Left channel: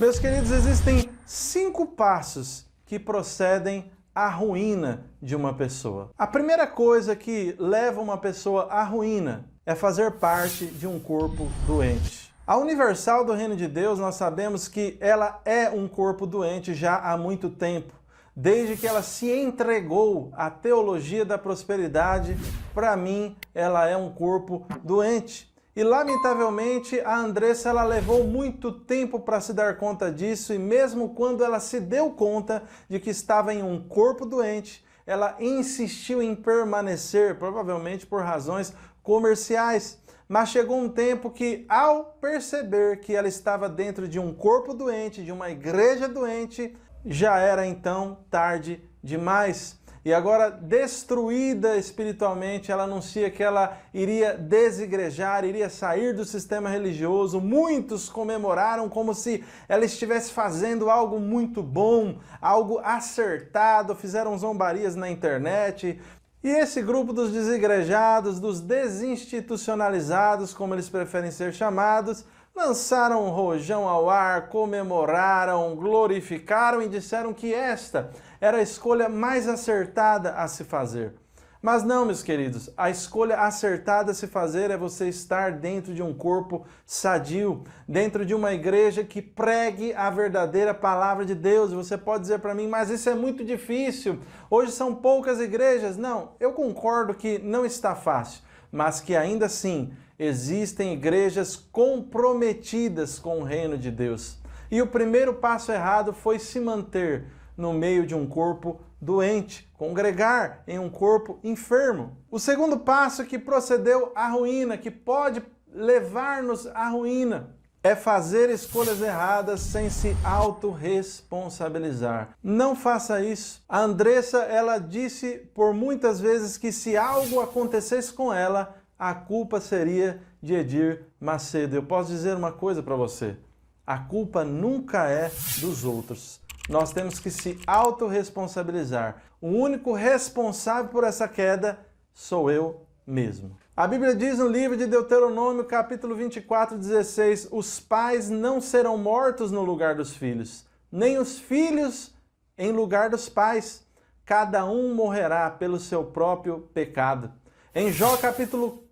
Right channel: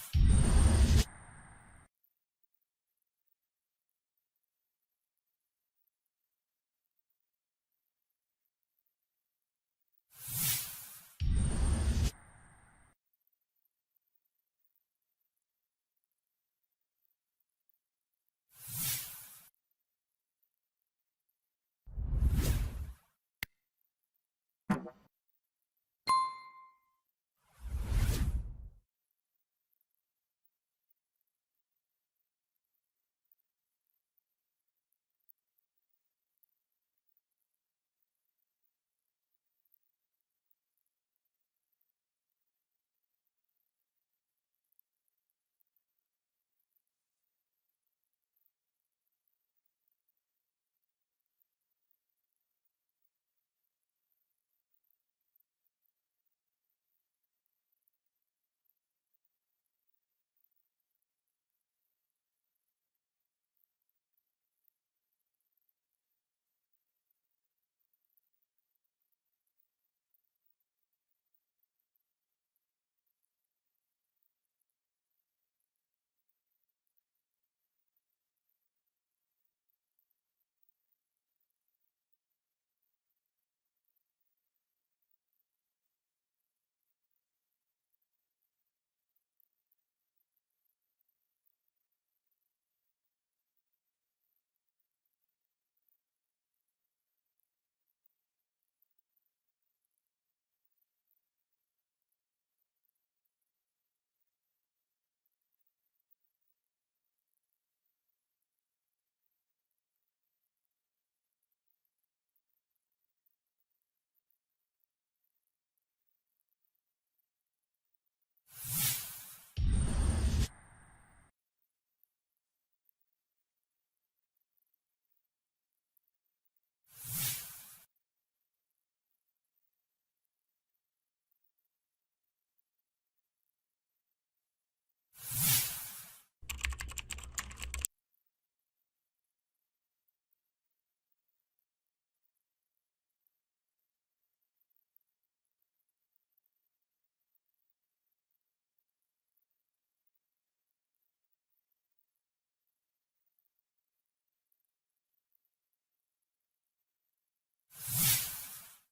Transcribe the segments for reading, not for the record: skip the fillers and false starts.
Meus queridos, existem 5 passos que procedem à ruína de uma pessoa. A primeira coisa que leva uma pessoa à ruína é fazer parte de um corpo doente. A Universal do Reino de Deus, nós sabemos que ela é um corpo doente já há muito tempo. Desde que ela se entregou à teologia da prosperidade, para mim, ela é um corpo doente. E lamentavelmente a Andressa ela levou muito tempo para se dar conta disso, e mesmo quando ela se deu conta de que estava em um corpo doente, ela insistiu em permanecer, provavelmente por razões comerciais. Mas chegou um tempo que, ao perceber que ela estava dentro de um corpo doente, de uma igreja doente, já era então tarde demais. E agora, destruída espiritualmente, ela anuncia que ela iria desigrejar, iria sair do sistema religioso. Muitos comemoraram como se ela estivesse fazendo algo muito bom, algo acertado, fizeram zombarias na internet. E esse grupo dos desigrejados, dos desinstitucionalizados, como eles preferem ser chamados, lançaram um rojão ao ar, comemoraram, glorificaram e disseram que esta era a escolha mais acertada a se fazer. Mas não, meus queridos, a escolha acertada a se fazer é você estar dentro de um corpo sadio, dentro de uma igreja que pregue a verdadeira palavra de Deus. Você pode dizer para mim, mas isso é muito difícil, hoje são poucas igrejas. Não, eu concordo que não está fácil, mas que ainda assim existem igrejas comprometidas com o reino de Deus. E o primeiro passo errado foi se manter no meio de um corpo doente, congregar em um corpo enfermo. O segundo passo que procedeu à ruína, que pode levar-nos à ruína, é fazer escolhas erradas sem se autorresponsabilizar. Não faça isso. A Andressa, ela disse por muitas vezes que se algo acontecesse com ela, a culpa seria de Edir Macedo. Eu posso dizer uma coisa para você: a culpa nunca é dos outros. Nós temos que se autorresponsabilizar. O único responsável por essa queda sou eu mesmo. A Bíblia diz no livro de Deuteronômio, capítulo 24, 16, os pais não serão mortos no lugar dos filhos, nem os filhos em lugar dos pais. Cada um morrerá pelo seu próprio pecado. Em Jó, capítulo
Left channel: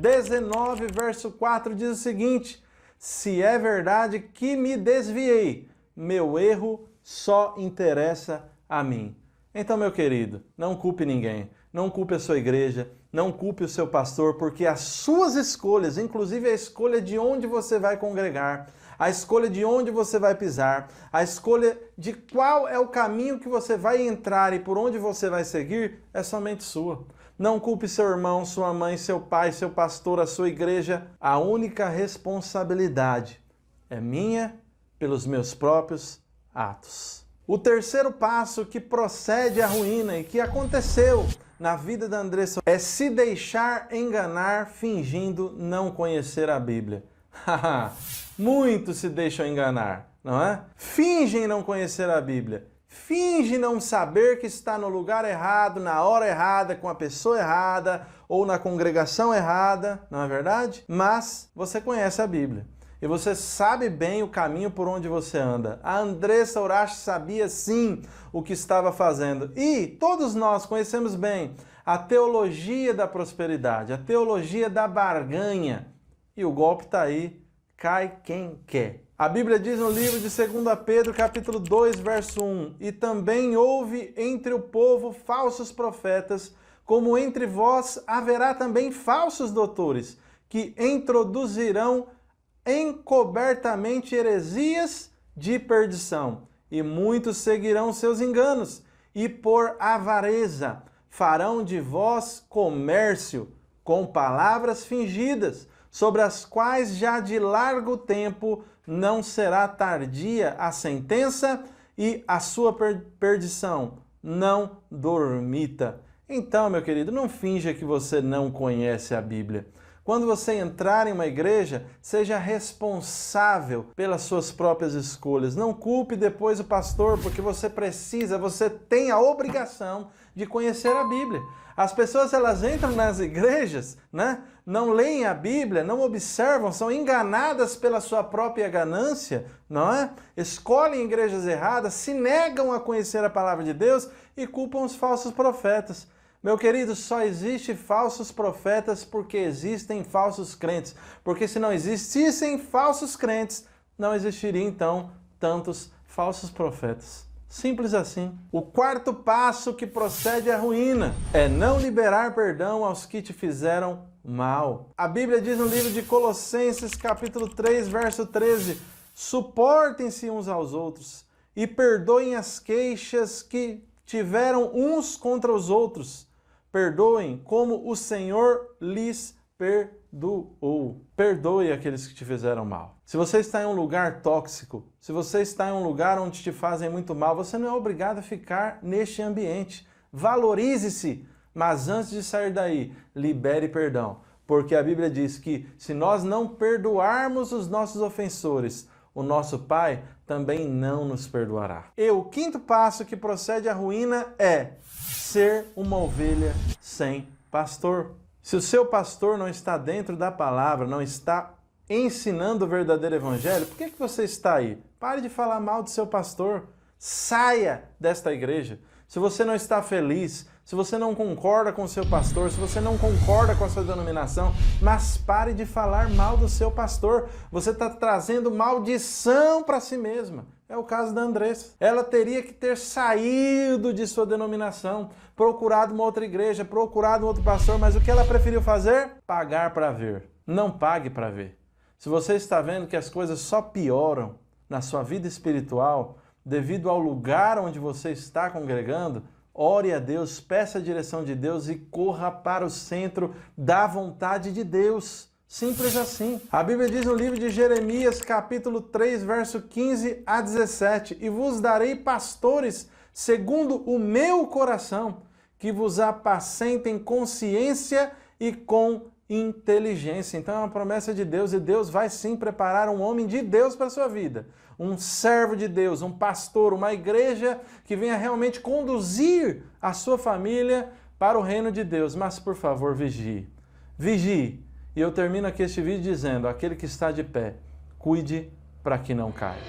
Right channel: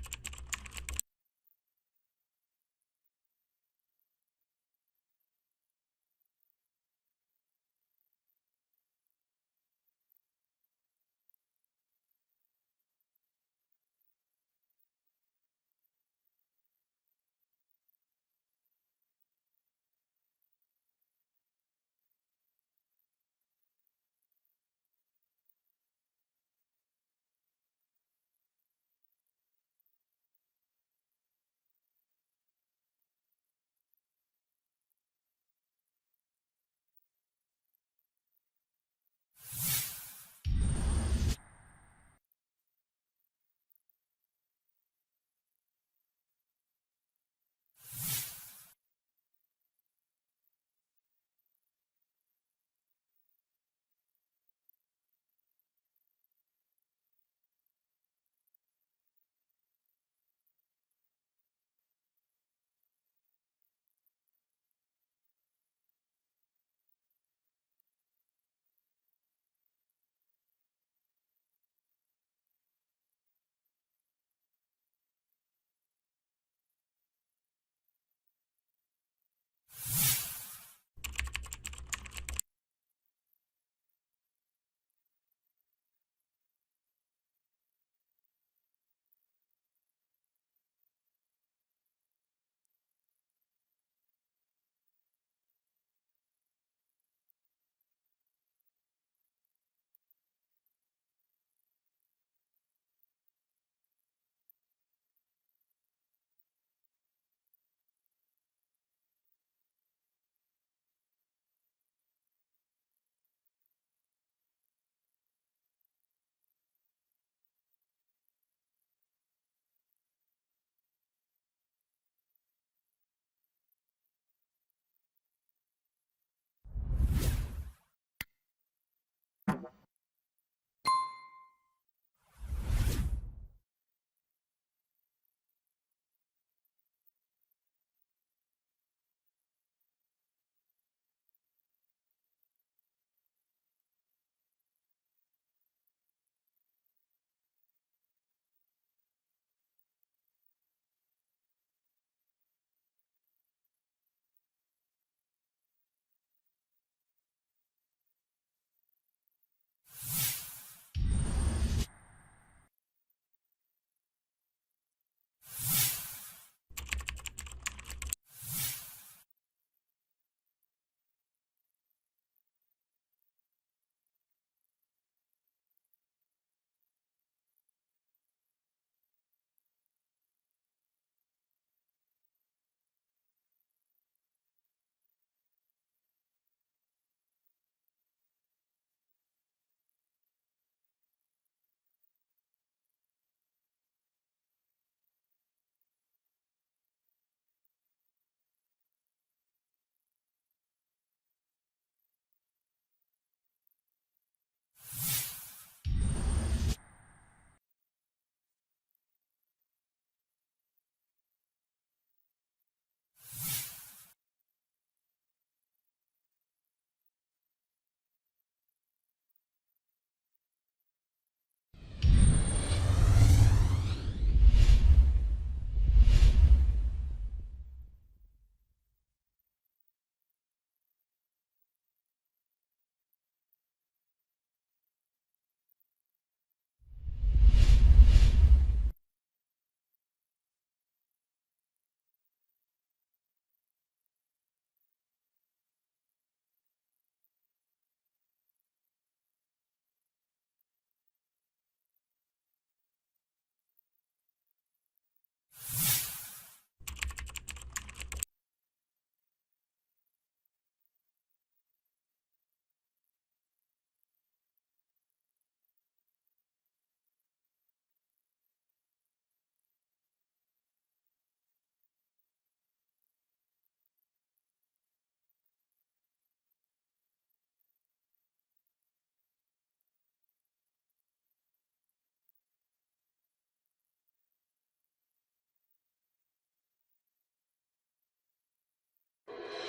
19, verso 4, diz o seguinte: se é verdade que me desviei, meu erro só interessa a mim. Então, meu querido, não culpe ninguém, não culpe a sua igreja, não culpe o seu pastor, porque as suas escolhas, inclusive a escolha de onde você vai congregar, a escolha de onde você vai pisar, a escolha de qual é o caminho que você vai entrar e por onde você vai seguir, é somente sua. Não culpe seu irmão, sua mãe, seu pai, seu pastor, a sua igreja. A única responsabilidade é minha pelos meus próprios atos. O terceiro passo que procede à ruína e que aconteceu na vida da Andressa é se deixar enganar fingindo não conhecer a Bíblia. Muitos se deixam enganar, não é? Fingem não conhecer a Bíblia. Finge não saber que está no lugar errado, na hora errada, com a pessoa errada ou na congregação errada, não é verdade? Mas você conhece a Bíblia. E você sabe bem o caminho por onde você anda. A Andressa Urashi sabia sim o que estava fazendo. E todos nós conhecemos bem a teologia da prosperidade, a teologia da barganha. E o golpe está aí, cai quem quer. A Bíblia diz no livro de 2 Pedro, capítulo 2, verso 1, e também houve entre o povo falsos profetas, como entre vós haverá também falsos doutores, que introduzirão encobertamente heresias de perdição, e muitos seguirão seus enganos, e por avareza farão de vós comércio com palavras fingidas, sobre as quais já de largo tempo não será tardia a sentença e a sua perdição não dormita. Então, meu querido, não finja que você não conhece a Bíblia. Quando você entrar em uma igreja, seja responsável pelas suas próprias escolhas. Não culpe depois o pastor, porque você tem a obrigação de conhecer a Bíblia. As pessoas, elas entram nas igrejas, né, não leem a Bíblia, não observam, são enganadas pela sua própria ganância, não é? Escolhem igrejas erradas, se negam a conhecer a palavra de Deus e culpam os falsos profetas. Meu querido, só existe falsos profetas porque existem falsos crentes. Porque se não existissem falsos crentes, não existiria então tantos falsos profetas. Simples assim. O quarto passo que procede à ruína é não liberar perdão aos que te fizeram mal. A Bíblia diz no livro de Colossenses, capítulo 3, verso 13, suportem-se uns aos outros e perdoem as queixas que tiveram uns contra os outros. Perdoem como o Senhor lhes perdoou. Perdoe aqueles que te fizeram mal. Se você está em um lugar tóxico, se você está em um lugar onde te fazem muito mal, você não é obrigado a ficar neste ambiente. Valorize-se, mas antes de sair daí, libere perdão. Porque a Bíblia diz que se nós não perdoarmos os nossos ofensores, o nosso Pai também não nos perdoará. E o quinto passo que procede à ruína é ser uma ovelha sem pastor. Se o seu pastor não está dentro da palavra, não está ensinando o verdadeiro evangelho, por que você está aí? Pare de falar mal do seu pastor. Saia desta igreja. Se você não está feliz, se você não concorda com o seu pastor, se você não concorda com a sua denominação, mas pare de falar mal do seu pastor. Você está trazendo maldição para si mesma. É o caso da Andressa. Ela teria que ter saído de sua denominação, procurado uma outra igreja, procurado um outro pastor, mas o que ela preferiu fazer? Pagar para ver. Não pague para ver. Se você está vendo que as coisas só pioram na sua vida espiritual, devido ao lugar onde você está congregando, ore a Deus, peça a direção de Deus e corra para o centro da vontade de Deus. Simples assim. A Bíblia diz no livro de Jeremias, capítulo 3, verso 15 a 17, e vos darei pastores segundo o meu coração, que vos apacentem com ciência e com inteligência. Então é uma promessa de Deus e Deus vai sim preparar um homem de Deus para a sua vida. Um servo de Deus, um pastor, uma igreja que venha realmente conduzir a sua família para o reino de Deus. Mas, por favor, vigie. Vigie. E eu termino aqui este vídeo dizendo, aquele que está de pé, cuide para que não caia.